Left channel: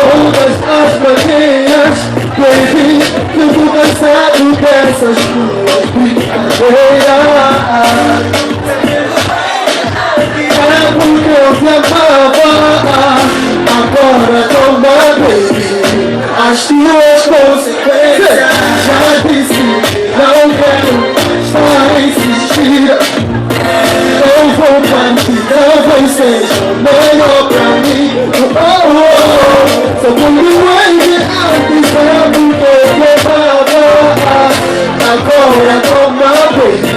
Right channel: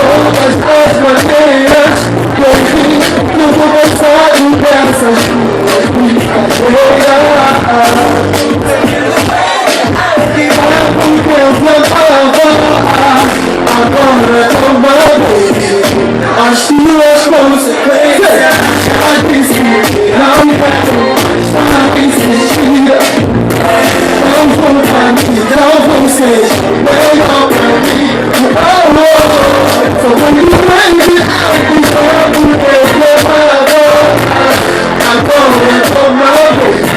todas as maneiras, baby, tudo cansado dessas tuas brincadeiras. Porque eu te amava, agora toma, baby, as tuas consequências. Já disse, não quero mais insistir. Não vou partir, não vou ser melhor pra mim. Sou como um enviado, vamos agora toma, baby,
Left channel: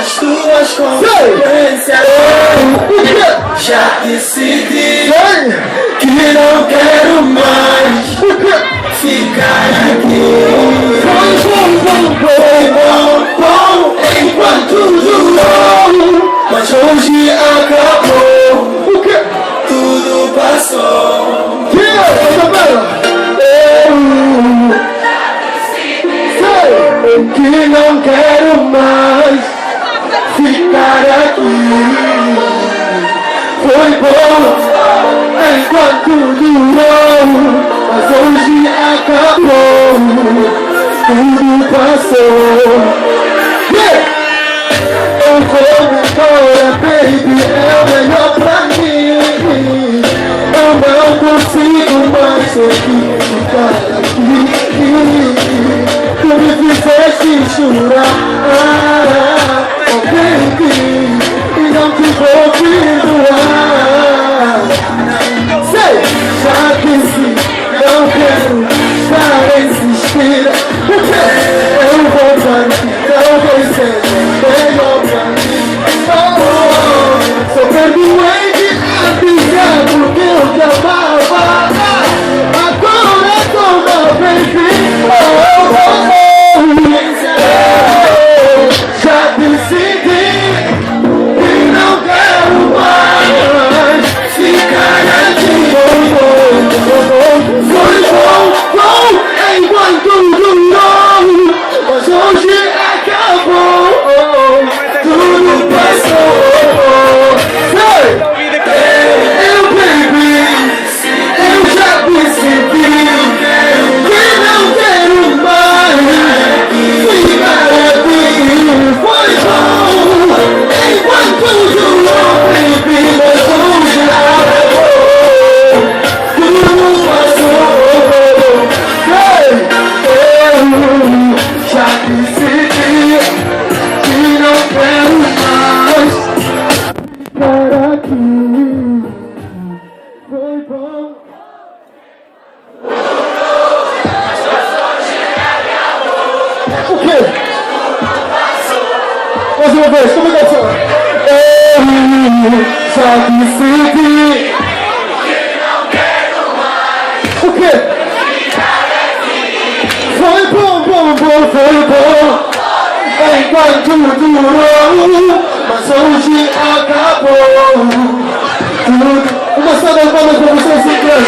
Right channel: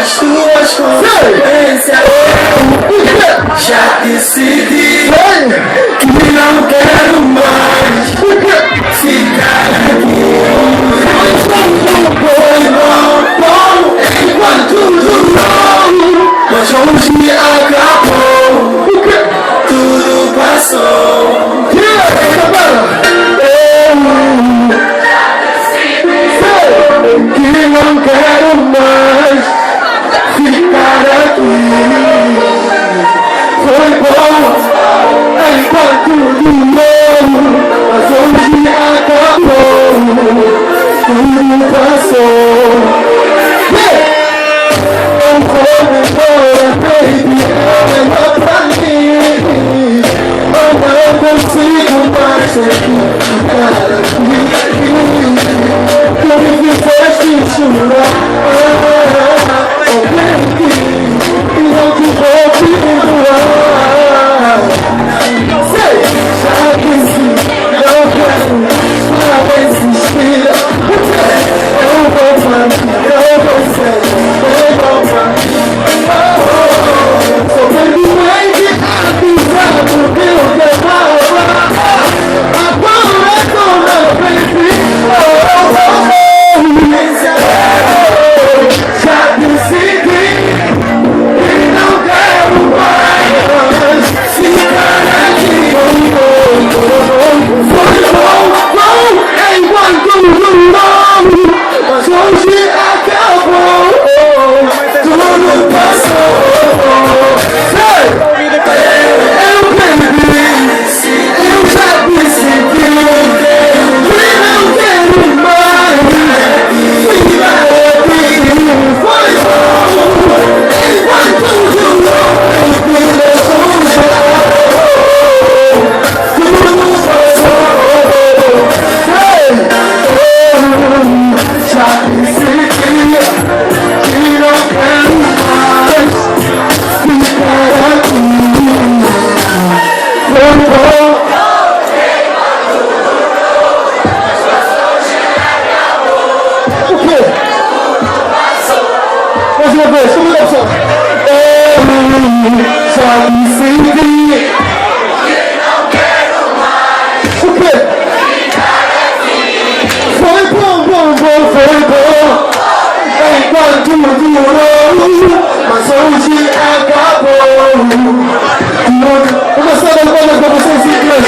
as tuas consequências. Já decidi que não quero mais ficar aqui. Foi bom enquanto durou, mas hoje acabou, tudo passou. Que não quero mais ficar aqui. Foi bom enquanto durou, mas hoje acabou, tudo passou. Eu vou embora, baby, é melhor pra mim. Eu não consigo mais ficar aqui. Tu me fizeste chorar, oh baby, e não te vou perdoar. Sei, já disse, não quero mais insistir. Eu vou partir, não vai ser melhor pra mim. Sou perdoante, avisado que eu te amava. Agora toma, baby, já decidi que não quero mais ficar aqui. Foi bom enquanto durou, mas hoje acabou, tudo passou. Eu bebi, eu já decidi que não quero mais ficar aqui. Foi bom enquanto durou, baby, mas hoje acabou, tudo passou. Já decidi que não quero mais ficar aqui. Foi bom. O quê? Mais uma vez, como é que eu já decidi que não quero mais. O quê? Foi bom, foi bom enquanto durou, mas hoje acabou. Vou gostar das palmas pra vocês em inglês.